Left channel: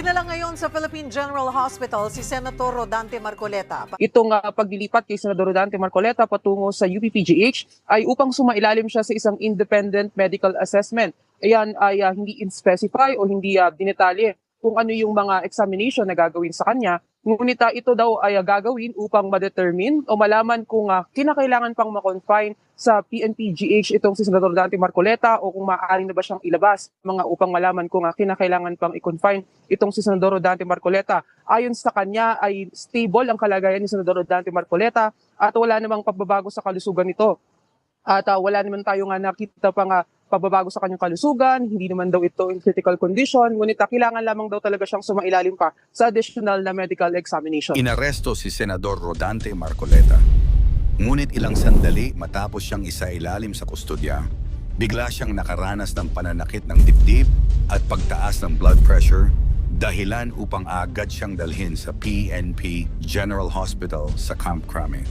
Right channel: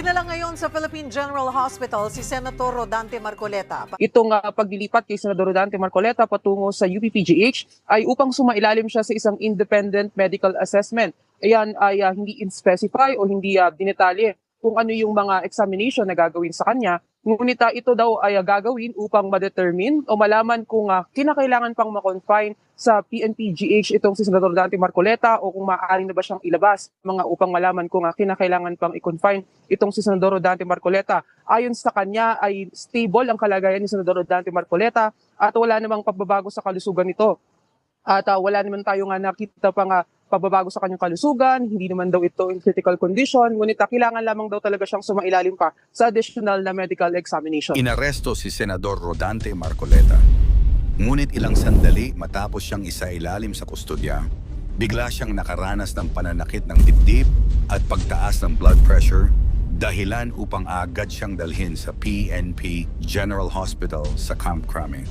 Dinala ngayon sa Philippine General Hospital si Senator Rodante Marcoleta. Itong paglilipat kay Senador Rodante Marcoleta patungo sa UPPGH ay upang sumailalim siya sa isang independent medical assessment. Ayan ay hindi in-specify o hindi dinetalye kung ano yung mga examination na gagawin sa kanya. Ngunit ito daw ay gagawin upang ma-determine o malaman kung kinakailangan pang ma-confine sa PNP-GH itong si Senador Rodante Marcoleta o kung maaari na ba siyang ilabas upang malaman kung kinakailangan pang i-confine itong si Senador Rodante Marcoleta. Ayon sa kanya ay stable ang kalagayan ni Senador Rodante Marcoleta at wala namang pagbabago sa kalusugan nito. At wala naman tayo nakita pang pagbabago sa kanyang kalusugan, hindi naman daw ito in critical condition, ngunit kailangan lamang daw talaga siyang sumailalim pa sa additional na medical examination. Inaresto si Senador Rodante Marcoleta. Ngunit ilang sandali matapos siyang isailalim sa kustodya, bigla siyang nakaranas ng pananakit ng dibdib at pagtaas ng blood pressure, dahilan upang agad siyang dalhin sa PNP General Hospital sa Camp Crame.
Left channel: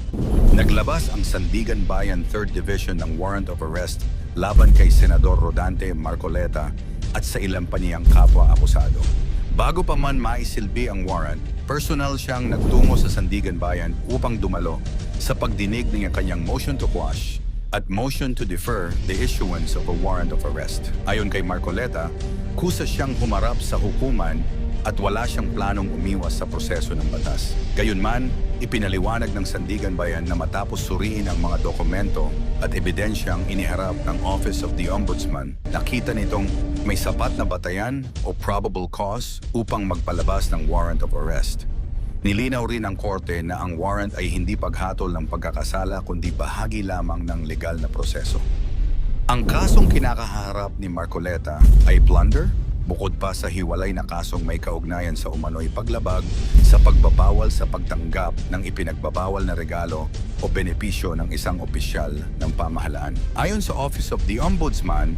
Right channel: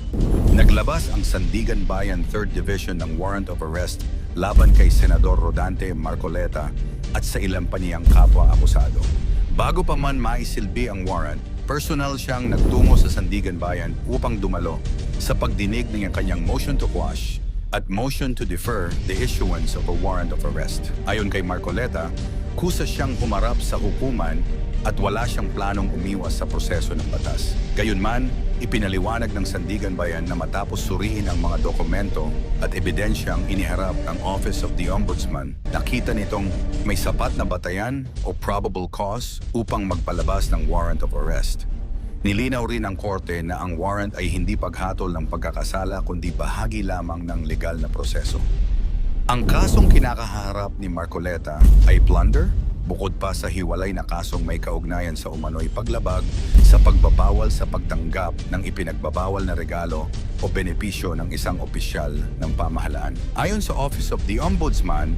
Naglabas ang Sandigan Bayan 3rd Division ng warrant of arrest laban kay Senador Rodante Marcoleta at sa ilang pa niyang kapwa-akusado. Bago pa man maisilbi ang warrant, personal siyang nagtungo sa Sandigan Bayan upang dumalo sa pagdinig ng kanyang motion to quash at motion to defer the issuance of a warrant of arrest. Ayon kay Marcoleta, kusa siyang humarap sa hukuman at wala siyang planong umiwas sa proseso ng batas. Gayunman, ipinaliwanag ng Sandigan Bayan na matapos suriin ang mga dokumento at ebidensyang iniharap ng Office of the Ombudsman, nakita nitong may sapat na batayan o probable cause upang magpalabas ng warrant of arrest. Nilinaw rin ng korte na ang warrant ay hindi paghatol ng pagkakasala kundi bahagi lamang ng legal na proseso. Ang kasong kinakaharap ni Marcoleta ay plunder, bukod pa sa hiwalay na kasong may kaugnayan sa umano'y paglabag sa pagbabawal sa pagtanggap ng ipinagbabawal na regalo o benepisyo ng isang opisyal ng pamahalaan. Ayon sa Office of the Ombudsman,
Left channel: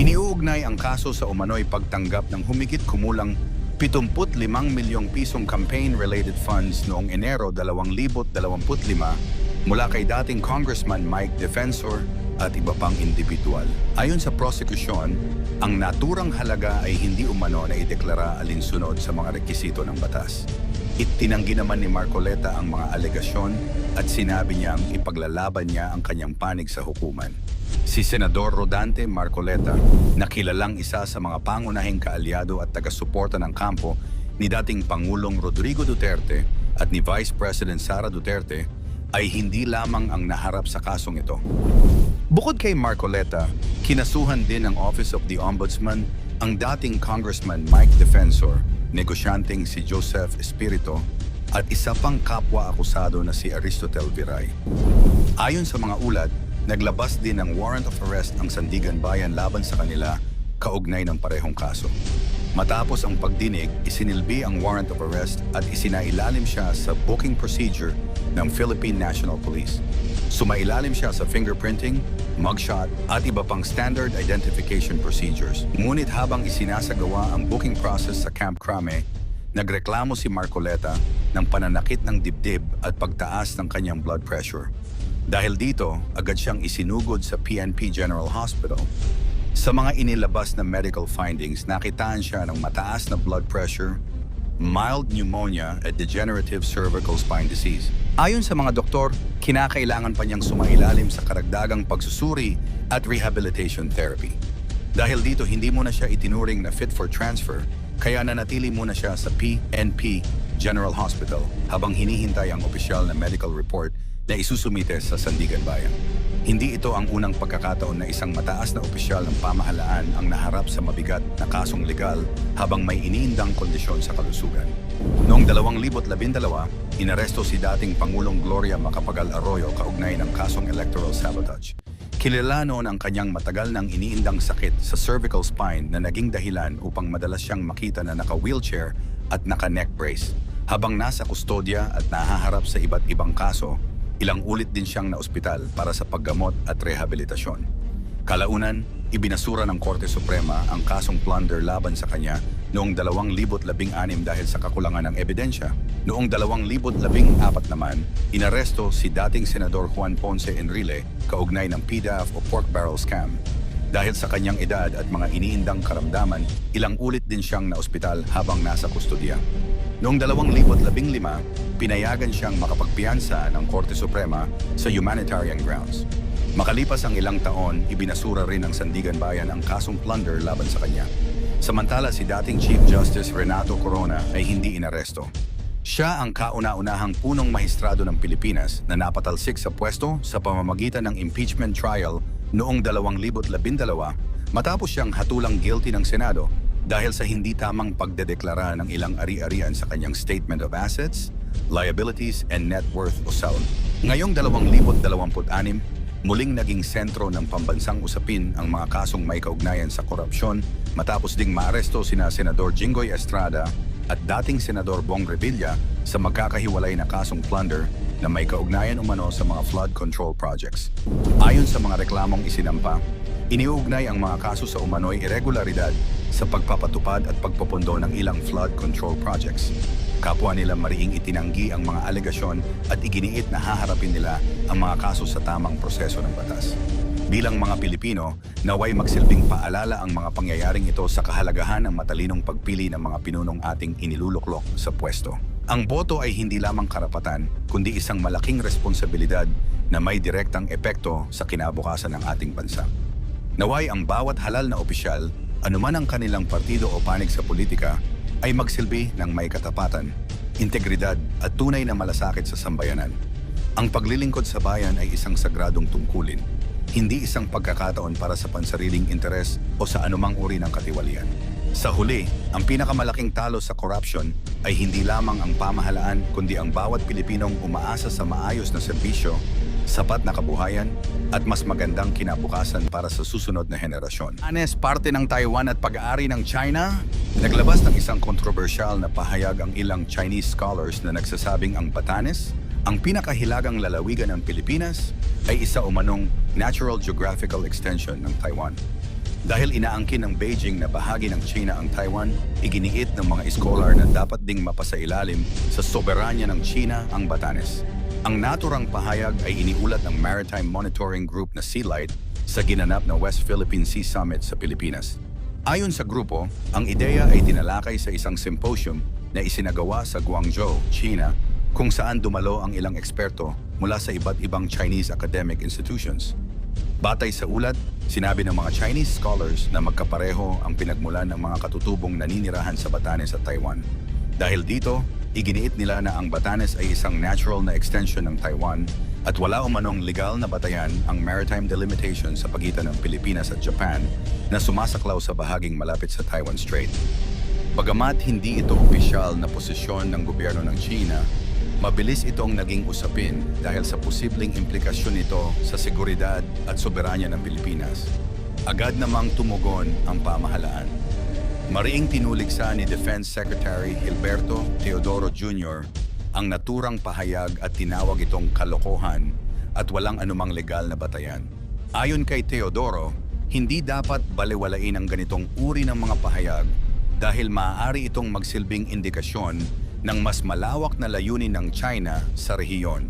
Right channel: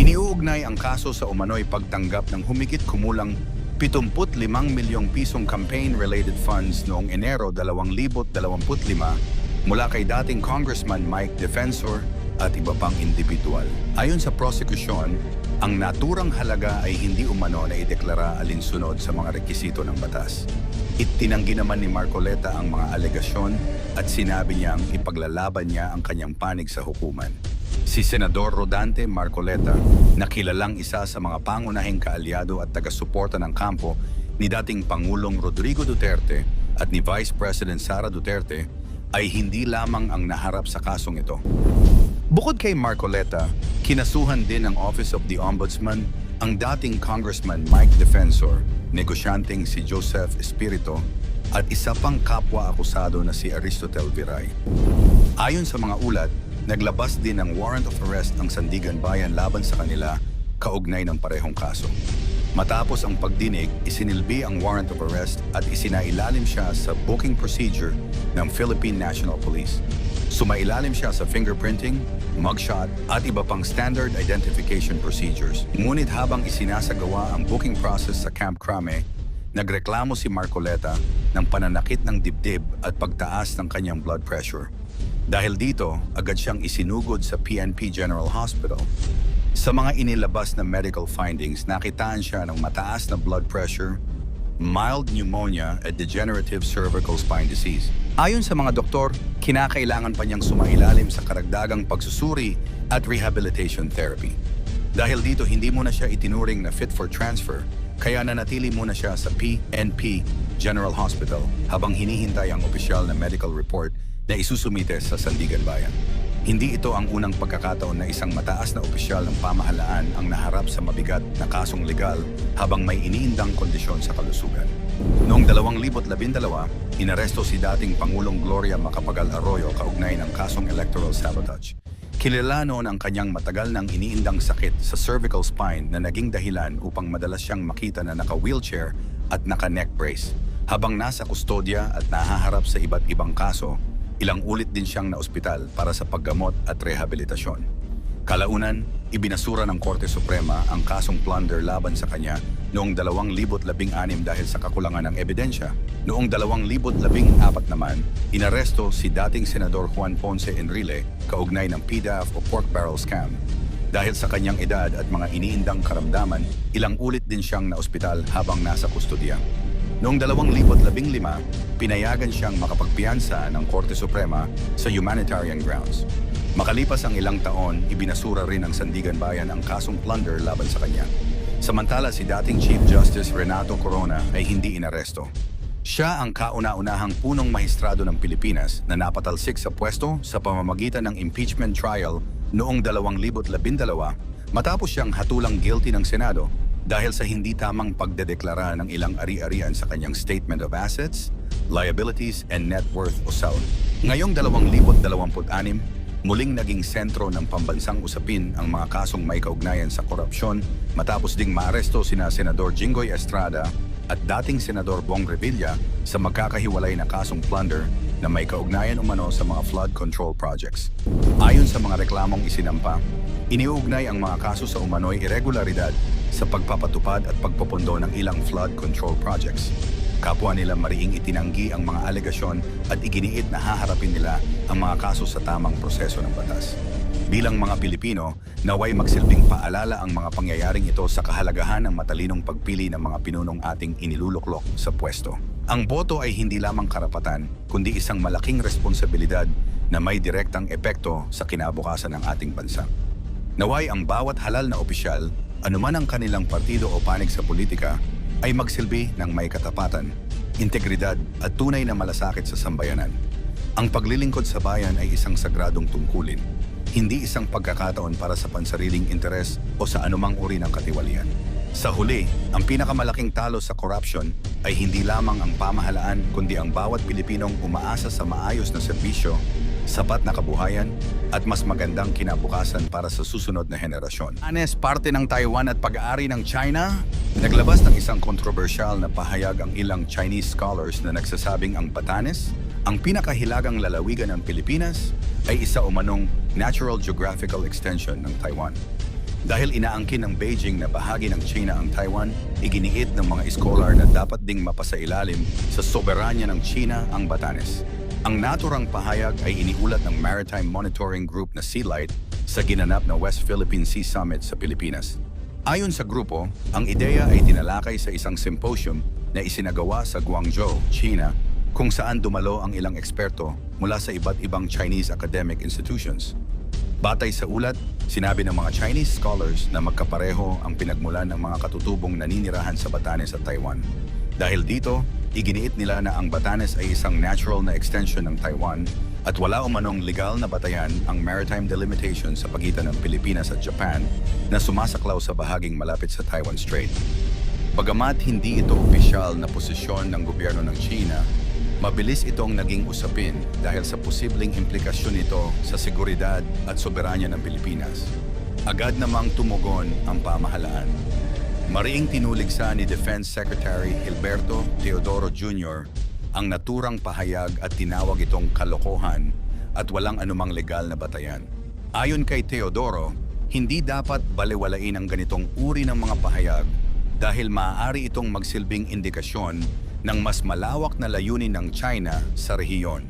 iniuugnay ang kaso sa umano'y pagtanggap ng humigit kumulang 75 milyong pisong campaign-related funds noong Enero 2025 mula kay dating Congressman Mike Defensor at iba pang individual. Ayon sa prosekusyon, ang naturang halaga ay hindi umano na ideklara alinsunod sa mga rekisito ng batas. Itinanggi naman ni Marcoleta ang mga alegasyon at sinabi niyang ipaglalaban niya ang kanyang panig sa hukuman. Si Senador Rodante Marcoleta, na kilalang isa sa mga pangunahing kaalyado at taga-suporta ng kampo ni dating Pangulong Rodrigo Duterte at ni Vice President Sara Duterte, ay hindi lamang ang naharap sa kasong ito. Bukod kay Marcoleta, kinasuhan din ng Office of the Ombudsman ang dating Congressman Mike Defensor, negosyanteng si Joseph Espirito, at isa pang kapwa-akusado na si Aristotel Viray. Ayon sa mga ulat, naglabas din ng warrant of arrest ang Sandigan Bayan laban sa kanila kaugnay ng parehong kaso. Matapos ang pagdinig, isinilbi ang warrant of arrest at isinailalim siya sa booking procedure ng Philippine National Police. Sumailalim siya sa fingerprinting, mugshot at iba pang standard identification procedures. Ngunit habang isinasagawa ang booking process sa Camp Crame, nagreklamo si Marcoleta ng pananakit ng dibdib at pagtaas ng kanyang blood pressure. Dahil dito, agad siyang isinugod sa PNP General Hospital. Sa mga inilabas na medical findings, nakitaan siya ng mataas na blood pressure, mild pneumonia at degenerative cervical spine disease. Ayon sa mga doktor, kinakailangan pa niyang sumailalim sa karagdagang pagsusuri at rehabilitation therapy. Dahil dito, hindi muna siya itinuring na fit for transfer, kaya nanatili muna siya sa PNP General Hospital habang hinihintay ang opisyal na medical report na isusumite sa Sandigan Bayan. Hindi ito ang unang pagkakataon na isang mataas na opisyal ng pamahalaan ang naharap sa mabigat na kasong legal habang may iniindang kondisyon sa kalusugan. Noong 2012, inaresto si dating Pangulong Gloria Macapagal Arroyo kaugnay ng kasong electoral sabotage. Kilala noon ang kanyang matagal nang iniindang sakit sa cervical spine na naging dahilan upang madalas siyang makita na naka-wheelchair at naka-neck brace. Habang nasa kustodya at nahaharap sa iba't ibang kaso, ilang ulit din siyang naospital para sa paggamot at rehabilitasyon. Kalaunan, ibinasura ng Korte Suprema ang kasong plunder laban sa kanya noong 2016 dahil sa kakulangan ng ebidensya. Noong 2014 naman, inaresto si dating Senador Juan Ponce Enrile kaugnay ng PDAF o pork barrel scam. Dahil sa kanyang edad at mga iniindang karamdaman, ilang ulit din siyang naospital habang nasa kustodiya. Noong 2015, pinayagan siyang makapagpiyansa ng Korte Suprema sa humanitarian grounds. Makalipas ang ilang taon, ibinasura rin ng Sandigan Bayan ang kasong plunder laban sa kanya. Samantala si dating Chief Justice Renato Corona ay hindi inaresto. Siya ang kauna-unahang punong mahistrado ng Pilipinas na napatalsik sa pwesto sa pamamagitan ng impeachment trial noong 2012 matapos siyang hatulang guilty ng Senado dahil sa hindi tamang pagdedeklara ng ilang ari-arian sa kanyang Statement of Assets, Liabilities, and Net Worth o SALN. Ngayong 2026, muling naging sentro ng pambansang usapin ang mga kasong may kaugnayan sa korupsyon matapos ding maaresto sina Senador Jinggoy Estrada at dating Senador Bong Revilla sa magkakahiwalay na kasong plunder na may kaugnayan umano sa mga flood control projects. Ayon sa mga reklamong isinampa, iniuugnay ang mga kaso sa umano'y irregularidad sa pagpapatupad at pagpopondo ng ilang flood control projects. Kapwa nila mariing itinanggi ang mga alegasyon at iginiit na haharapin nila ang mga kaso sa tamang proseso ng batas. Bilang mga Pilipino, naway magsilbing paalala ang mga pangyayaring ito sa kahalagahan ng matalinong pagpili ng mga pinunong ating iniluluklok sa pwesto. Ang boto ay hindi lamang karapatan, kundi isang malaking responsibilidad na may direktang epekto sa kinabukasan ng ating bansa. Naway ang bawat halal na opisyal, anuman ang kanilang partido o panig sa politika, ay magsilbi ng may katapatan, integridad at tunay na malasakit sa sambayanan. Ang paglilingkod sa bayan ay isang sagradong tungkulin, hindi isang pagkakataon para sa pansariling interes o sa anumang uri ng katiwalian. Sa huli, ang pinakamalaking talo sa corruption ay hindi lamang ang pamahalaan kundi ang bawat Pilipinong umaasa sa maayos na serbisyo, sapat na kabuhayan, at mas magandang kinabukasan para sa susunod na henerasyon. Parte ng Taiwan at pag-aari ng China? Naglabas ng isang kontrobersyal na pahayag ang ilang Chinese scholars na nagsasabing ang Batanes, ang pinakahilagang lalawigan ng Pilipinas, ay isa umanong natural geographical extension ng Taiwan. Dahil inaangkin ng Beijing na bahagi ng China ang Taiwan, iginiit ng mga scholar na dapat ding mapasailalim sa soberanya ng China ang Batanes. Ang naturang pahayag ay iniulat ng Maritime Monitoring Group na SeaLight sa ginanap na West Philippine Sea Summit sa Pilipinas. Ayon sa grupo, ang ideya ay tinalakay sa isang symposium na isinagawa sa Guangzhou, China, kung saan dumalo ang ilang eksperto mula sa iba't ibang Chinese academic institutions. Batay sa ulat, sinabi ng mga Chinese scholars na magkapareho ang pinagmulan ng mga katutubong naninirahan sa Batanes at Taiwan. Dahil dito, iginiit nila na ang Batanes ay isang natural na extension ng Taiwan at wala umanong legal na batayan ang maritime delimitation sa pagitan ng Pilipinas at Japan na sumasaklaw sa bahaging malapit sa Taiwan Strait. Bagamat hindi ito opisyal na posisyon ng gobyerno ng China, mabilis itong naging usapin dahil sa posibleng implikasyon nito sa seguridad at soberanya ng Pilipinas. Agad namang tumugon ang pamahalaan. Mariing tinuligsa ni Defense Secretary Gilberto Teodoro Jr. ang naturang pahayag at tinawag itong kalokohan at walang anumang legal na batayan. Ayon kay Teodoro, hindi dapat balewalain ang ganitong uri ng mga pahayag dahil maaari itong magsilbing indikasyon ng mas malawak na layunin ng China sa rehiyon.